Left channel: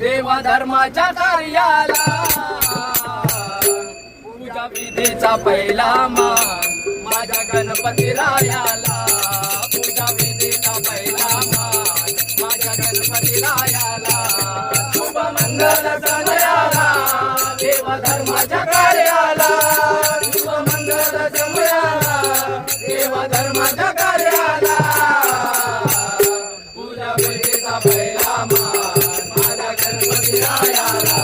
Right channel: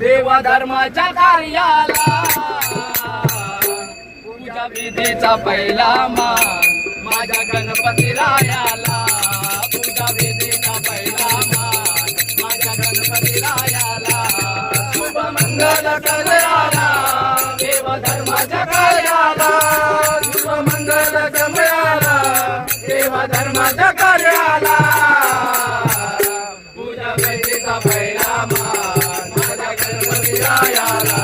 देवा धर्माच्या कार्याला पूजा विधीचा पहिला मान माझ्या गणपती रायाला. पूजा विधीचा पहिला मान माझ्या गणपती रायाला. शुभ मंगल कलयाला देवा धर्माच्या कार्याला. शुभ मंगल जमयाला देवा धर्माच्या कार्याला. पूजा विधीचा पहिला मान माझ्या गणपती रायाला.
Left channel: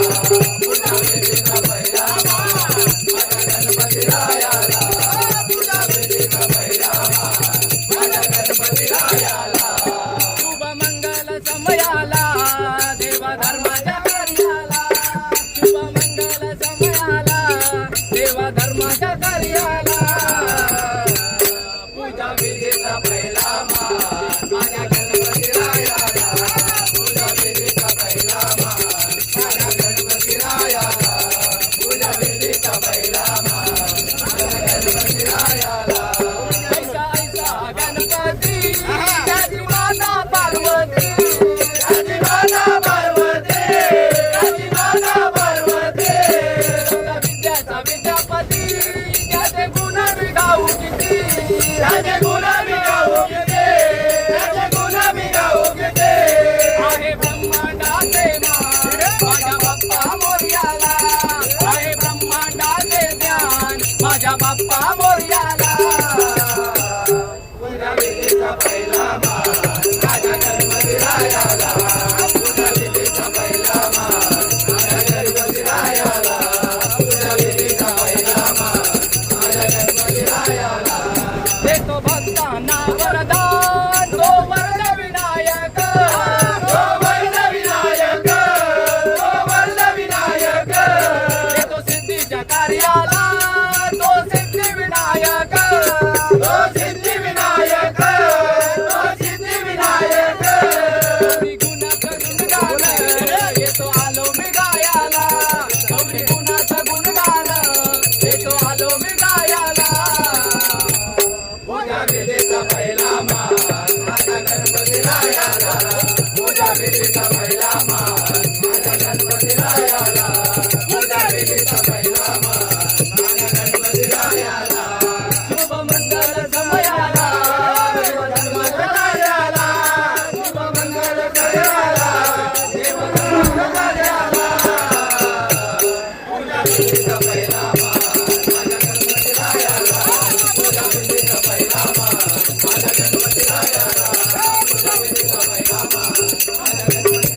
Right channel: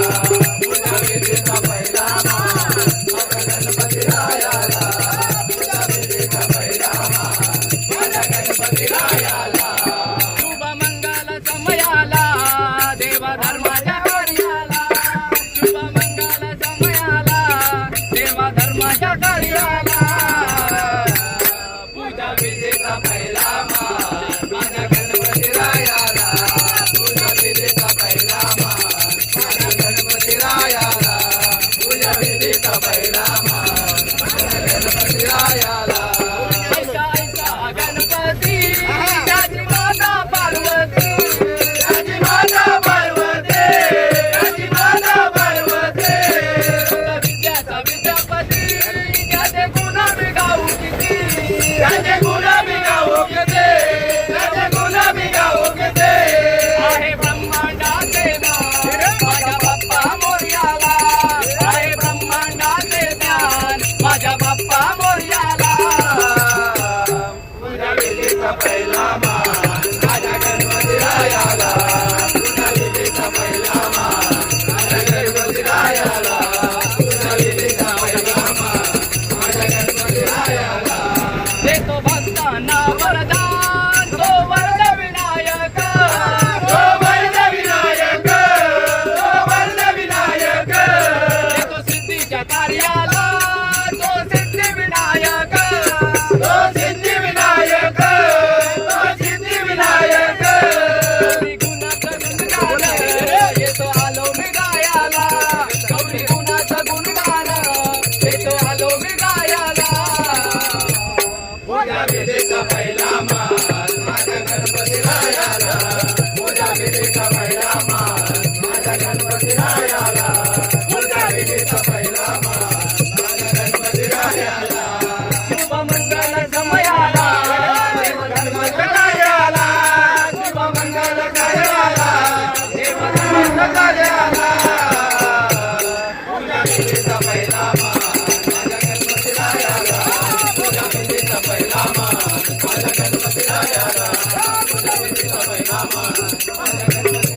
पूजा विधीचा पहिला मान माझ्या गणपती रायाला. पूजा विधीचा पहिला मान माझ्या गणपती रायाला. शुभ मंगल समयाला देवा धर्माच्या कार्याला. शुभ मंगल समयाला देवा धर्माच्या कार्याला. पूजा विधीचा पहिला मान माझ्या गणपती रायाला. पूजा विधीचा पहिला मान माझ्या गणपती रायाला. पूजा विधीचा पहिला मान माझ्या गणपती रायाला. ऐसा ऐसा गणपती त्याची माता पार्वती. त्याची माता पार्वती. त्याची माता पार्वती. विद्याचा विद्यापती त्याचे गुण मी गाऊ किती. त्याचे गुण मी गाऊ किती. त्याचे गुण मी गाऊ किती. आहे ब्रह्मांडाचे ज्ञान माझ्या बाप्पा मोरयाला. आहे ब्रह्मांडाचे ज्ञान माझ्या बाप्पा मोरयाला. पूजा विधीचा पहिला मान माझ्या गणपती रायाला. पूजा विधीचा पहिला मान माझ्या गणपती रायाला. पूजा विधीचा पहिला मान माझ्या गणपती रायाला. देतो भक्तांना वरदान तो वरद विनायक. तो वरद विनायक. तो वरद विनायक. देतो सिद्धीच्या कार्याला तो सिद्धी विनायक. तो सिद्धी विनायक. तो सिद्धी विनायक. गौरी गुणाचं गुणगान येतो आलो मी गायाला. गौरी गुणाचं गुणगान येतो आलो मी गायाला. पूजा विधीचा पहिला मान माझ्या गणपती रायाला. पूजा विधीचा पहिला